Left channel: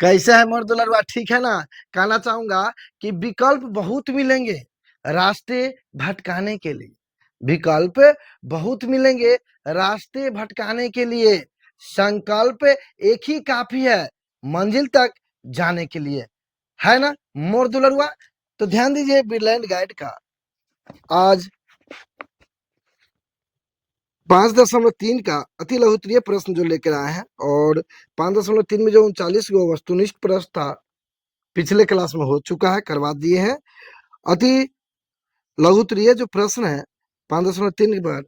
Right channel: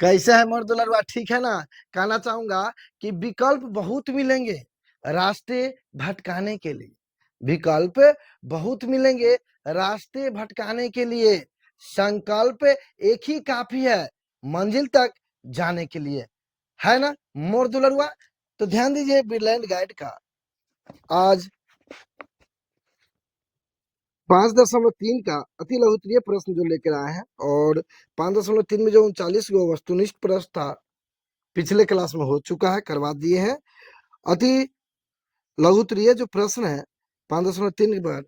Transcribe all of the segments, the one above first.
कैसे है मोर दुलरवा, ठीक है ना। कहना चाहूंगा कि विकल्प बहुत मिलेंगे रास्ते भटकाने के लिए। विकल्प बहुत मिलेंगे रास्ते भटकाने के लिए। संकल्प एक ही काफी है मंजिल तक जाने के लिए, है ना मोर दुलरवा। तो ध्यान दीजिए ब्रिलियंट गाइड का आज 5.3 का अति लघुत्तरीय प्रश्न जो लेकर आए हैं, और 5.3 में जो 39 गो वस्तुनिष्ठ प्रश्न था पिछले क्लास में हो चुका है, करवा दिए हैं। अति लघुत्तरीय जो प्रश्न है 5.3 के बाद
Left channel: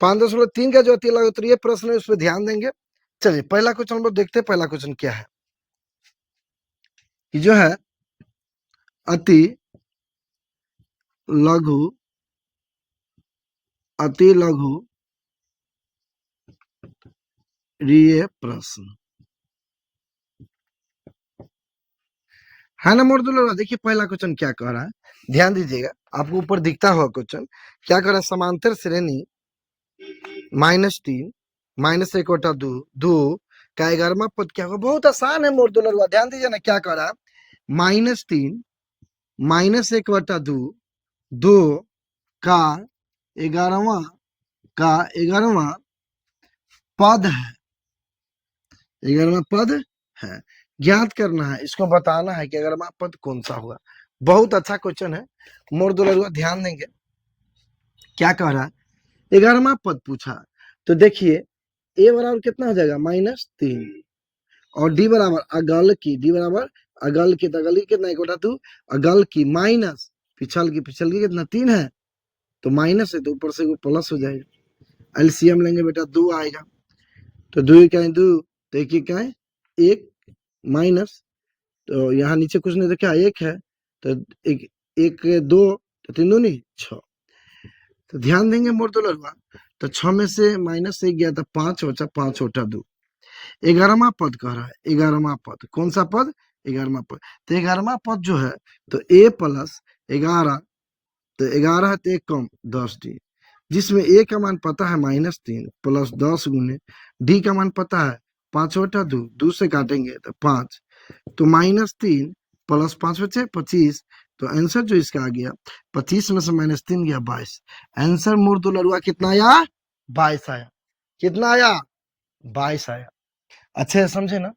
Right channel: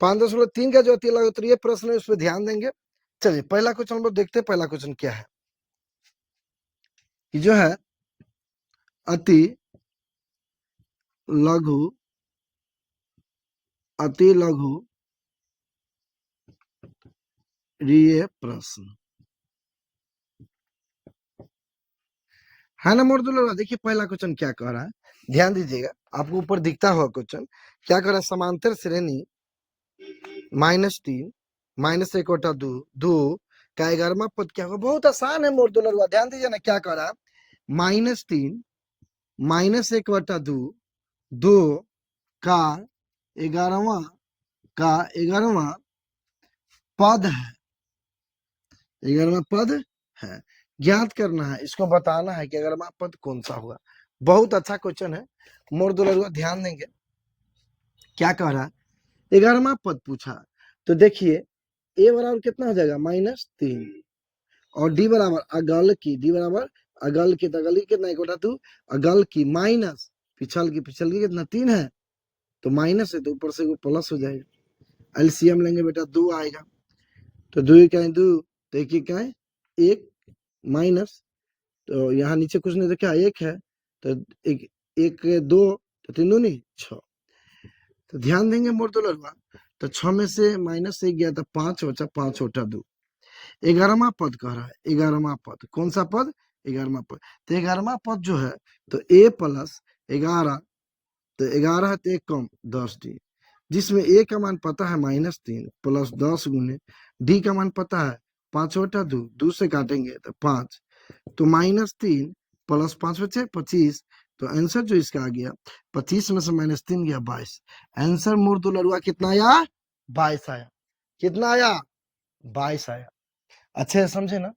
5.3 का जो अति लघुत्तरीय प्रश्न है उस पर ध्यान देंगे। चलिए पहला क्वेश्चन हम लोग देखते हैं। पहला क्वेश्चन क्या है कि जो है अति लघु रीय प्रश्न है ना मोर। देखिए पहला क्वेश्चन क्या कह रहा है, ध्यान दीजिएगा। आपको ऊपर दिखता होगा क्वेश्चन क्या कह रहा है। समांतर श्रेणी -3 -1/2 का 11वां पद क्या होगा। बहुत आसान है मोर दुलरुआ, ध्यान दीजिए ना क्या कह रहा है। -3 -1/2 2 का 11वां पद है। 11वां पद है, ज्ञात करना है, इसको बताना है कि 11वां पद कौन सा होगा। बहुत अच्छा क्वेश्चन है मोर दुलरुआ, ध्यान देंगे क्या कह रहा है। 11वां पद पूछा तो देखिए ए बराबर कितना हो जाएगा -3 और डी बराबर अगल की, डी बराबर अगल की, तो अगल की कितना 1/2 अगल की माइनस पिछल की कितना 3 है, तो माइनस है तो ऊपर से वो प्लस हो जाएगा। एलसीएम लेंगे बेटा 2 आएगा, तो 2 क्या है 2, तो एक क्या है 1 माइनस, तो यहाँ नीचे कुछ नहीं तो क्या 1 है, तो एक 1 2 तो 3 दूनी 6। तो ध्यान देंगे मोर तो लगवा, तो 6 में से -1 गया था 5 बचा, 5 बटा 2। 11वां पद कह रहा है, 11वां पद कौन सा पद 11वां पद। तो 11वां पद जो है तो a प्लस 11, तो 11 है तो 1 कम 10 डी, जिसमें a का मान पता है -3 प्लस 10 गुने डी का मान पता है 5 बटा 2, 2 से काटेंगे तो 5, तो -3 प्लस 5 बचे 25। तो आंसर जो इसका आ गया 25 में से -3 गया 22। आंसर मोर दो लड़ुआ कितना आया 22 आया। कितना आया 22 आया। अच्छे से समझे ना।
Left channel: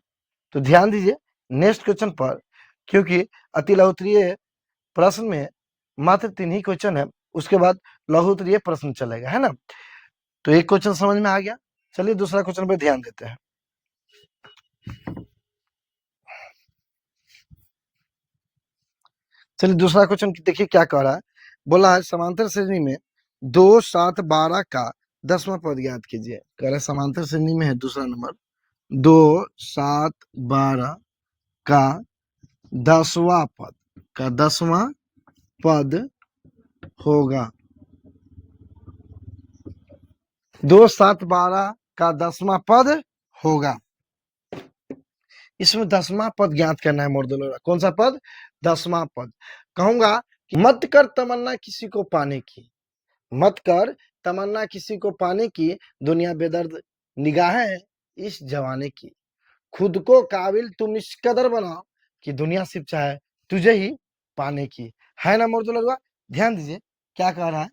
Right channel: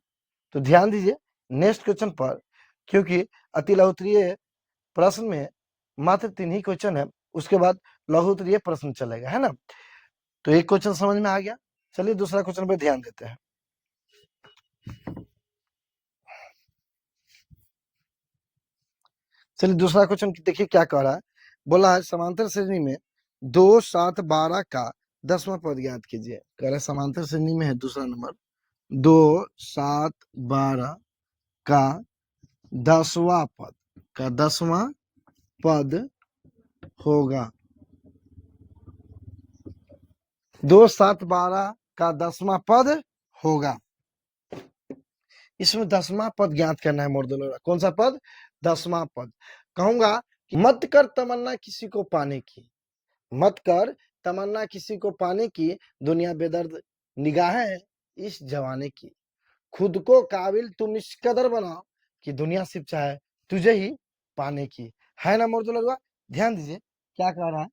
तो ध्यान दीजिए नेक्स्ट क्वेश्चन पर, क्योंकि अति लघुत्तरीय प्रश्न में मात्र 3 ही क्वेश्चन है, उसके बाद लघुत्तरीय प्रश्न चलेगा, है ना। तो एक क्वेश्चन समझ में आ गया। चलिए दूसरा क्वेश्चन पे ध्यान देते हैं। चलिए दूसरा क्वेश्चन देखिए क्या कह रहा है। बोला है समांतर श्रेणी में 2 7 12 का 10वां पद ज्ञात कीजिए। कह रहा है समांतर श्रेणी में है दूसरा नंबर 2 7 12 का 10वां पद होगा। 2 7 12 का 10वां पद होगा। इसमें 10वां पद ज्ञात करना है मोर। कौन सा पद 10वां पद। कहूंगा कि मत कर तमन्ना किसी को पाने की, मत कर तमन्ना किसी को पाने की, दुनिया बेदर्द निगाहें इस जवाने की, खुद को काबिल तुम इस कदर बनाओ कि दुनिया सिर्फ चाहे तुझे ही पाने की, है ना मोर। ध्यान दीजिए क्या कह रहा है।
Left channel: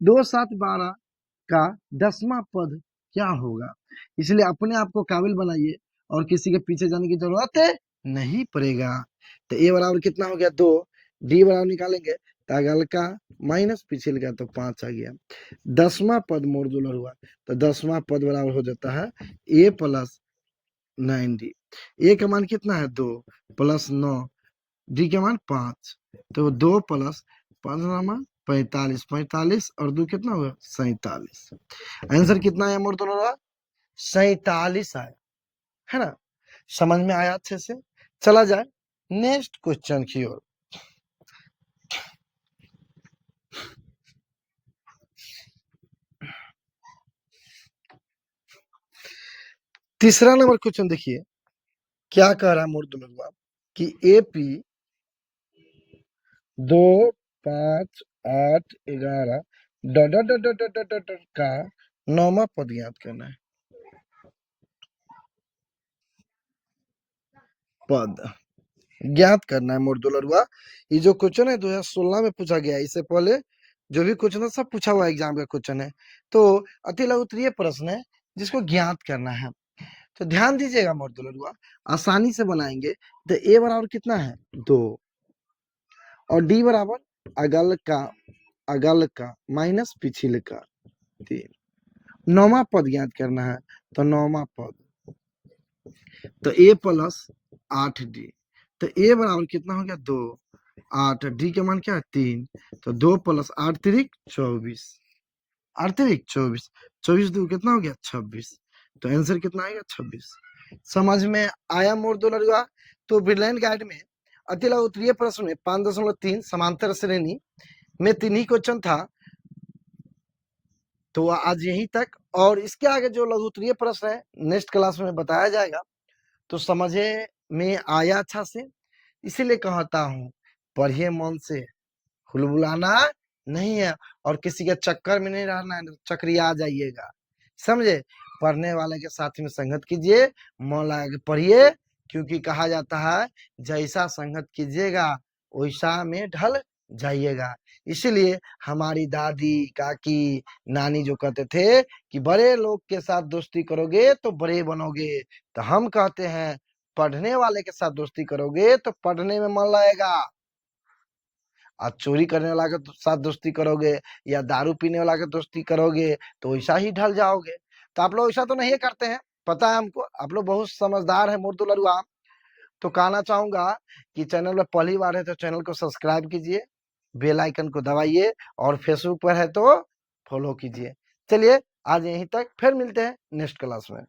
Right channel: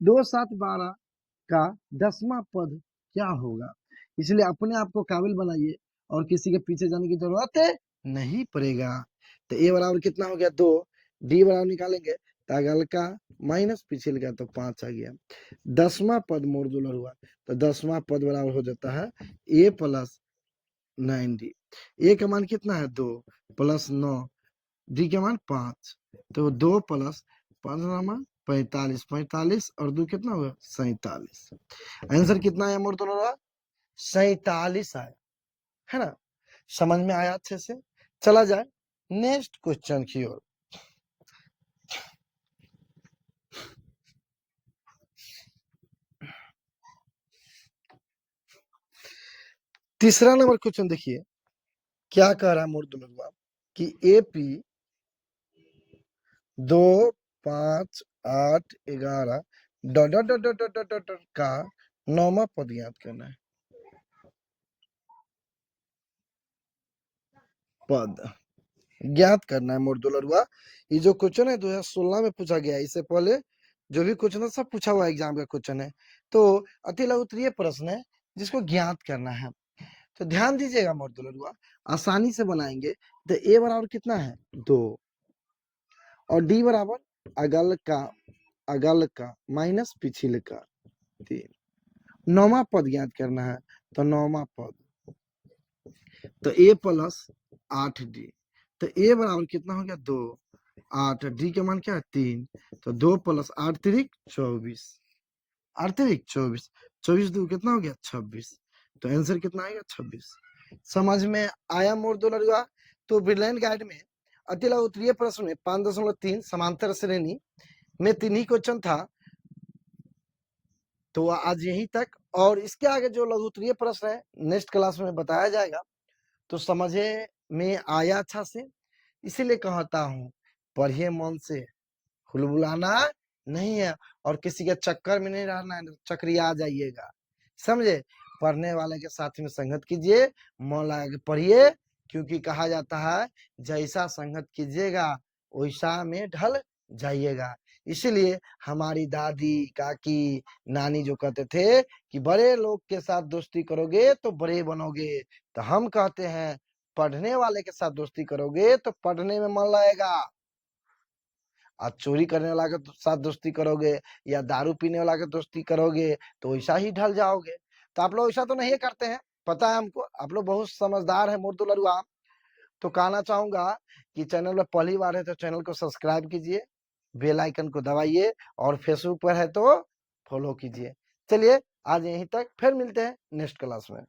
2 7 12 का 10वां पद क्या होगा। इसलिए अपने आप को काबिल बनाइए और किसी के पीछे जाने की जरूरत नहीं पड़ेगा। तो ए बराबर कितना हो गया 2, डी बराबर निकालेंगे तो अगल का माइनस पिछले का तो 5 आ गया। 10वां पद मोर हुआ, तो 10वां पद बराबर हो जाता है ए प्लस 9 डी। ए का मान कितना है 2 प्लस 9, डी का मान 5, तो 2 प्लस 5 45, 45 और 2 कितना हुआ 47। आंसर कितना आया मोर 47 आया, है ना। समझ में आया अच्छे से। चला जाए नेक्स्ट क्वेश्चन की ओर। तीसरा नंबर क्वेश्चन देखिए क्या कह रहा है मोर कि AP 2 5 8 11 dot dot dot dot dot dot dot का 9वां पद ज्ञात करना है। पद ज्ञात करना है मोर दुलरुआ। ये जो क्वेश्चन है 2016 में पूछा गया है, इससे पहले जो भी क्वेश्चन है सब पूछा हुआ एग्जाम का क्वेश्चन है। तो अति लघु उत्तरीय प्रश्न है जिसको ज्ञात करना है। तो ध्यान दीजिएगा मोर दुलरुआ, आसानी से बनाएंगे। तो ए बराबर कितना है 2 और डी बराबर अगल का माइनस पिछले का 3। नौवा पद ज्ञात करना है। तो नौवा पद तो ए प्लस 8d। तो ए बराबर कितना हो गया 2, 8, डी के मान क्या है 3। तो 2 प्लस 8 तिरिक 24, 8 तिरिक 24, 24 दो कितना हो गया 26। तो आंसर कितना आएगा 26। समझ में आया मोर दुलरुआ। तो ब्रिलियंट गाइड में अति लघु उत्तरीय प्रश्न में 5.3 समांतर श्रेणी में 3 ही क्वेश्चन था। तो आज यही तक, और इसके आगे जो लघु उत्तरीय प्रश्न है नेक्स्ट क्लास में बताया जाएगा। तो समझे में आया अच्छा से, इसीलिए कहता हूँ पढ़िए मन से, हुलबुलाना नहीं है और किसी के चक्कर में नहीं रहना है, चक्रिया जाइएगा, समझे। पढ़ने वाले के साथ में संगत कीजिए, मन लगा के पढ़िए, क्योंकि कहा जाता है जैसा संगत कीजिएगा वैसा में ढल जाइएगा। इसीलिए हमारी दादी काकी नानी जो कहते थे कि बड़े लोग के साथ दोस्ती करोगे तो बड़े बनोगे, तो हम कहते हैं पढ़ने वाले के साथ दोस्ती करोगे तो पढ़ने में मन लगेगा। और चोरी करने वाला के साथ दोस्ती करोगे या दारू पीने वाला के दोस्ती करोगे तो वैसा ही ढल जाओगे। तो आप लोग ऐसा तो नहीं करते हैं, पता है हमको, आप लोग बहुत समझदार है मोर दुलरुआ। तो कहना चाहूंगा कि चैनल में पहली बार है तो चैनल को सब्सक्राइब कीजिए, बेल आइकन को दबाइए, और फेसबुक पर है तो फॉलो कीजिए। चलिए आज यहीं तक, फिर मिलते हैं नेक्स्ट क्लास में।